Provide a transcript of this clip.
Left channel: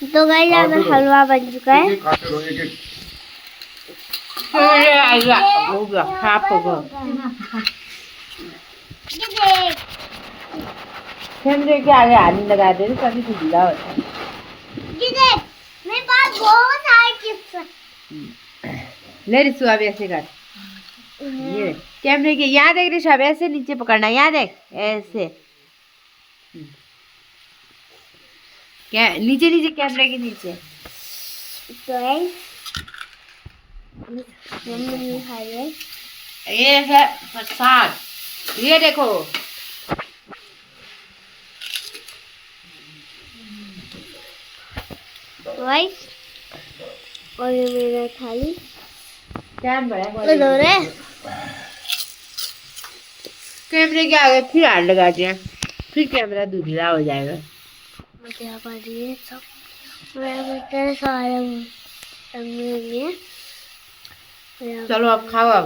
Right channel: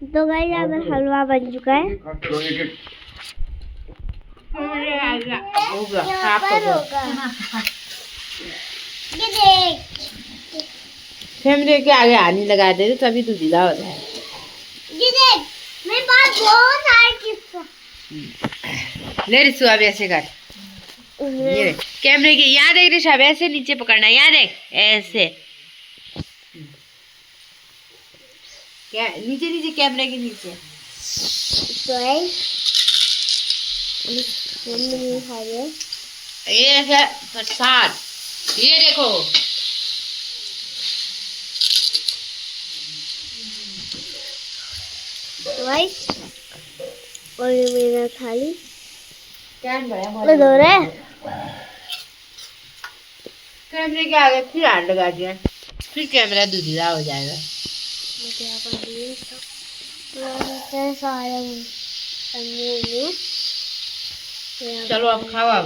तो गाइस यहाँ पे हलवा बन चुका है। हो गया साफ हो गया। ये देख कैमरे के आगे हाथ नहीं लगा दे तभी तो ढीला हो रहा है। ये देख मेरे पास बहुत सारे चिप्स ले रिसु अब ऐसे कर। ये देख कैमरे के यहाँ देख रिशा अब ऐसे नीचे पकड़ना यहाँ देख ऐसे क्या नीचे नीचे कैमरे के नीचे। तो गाइस मम्मी खा रही है। ये है प्रसाद ये देखो। तो गाइस और ये मेरा थाली टाइम बड़ा हो रहा है। कैमरे के आगे फिर हाथ लगा दिया फिर कैमरा दूसरा हो जाएगा। मुझे यहाँ पर ये सब मैं सारे चलो अब खाओ अब।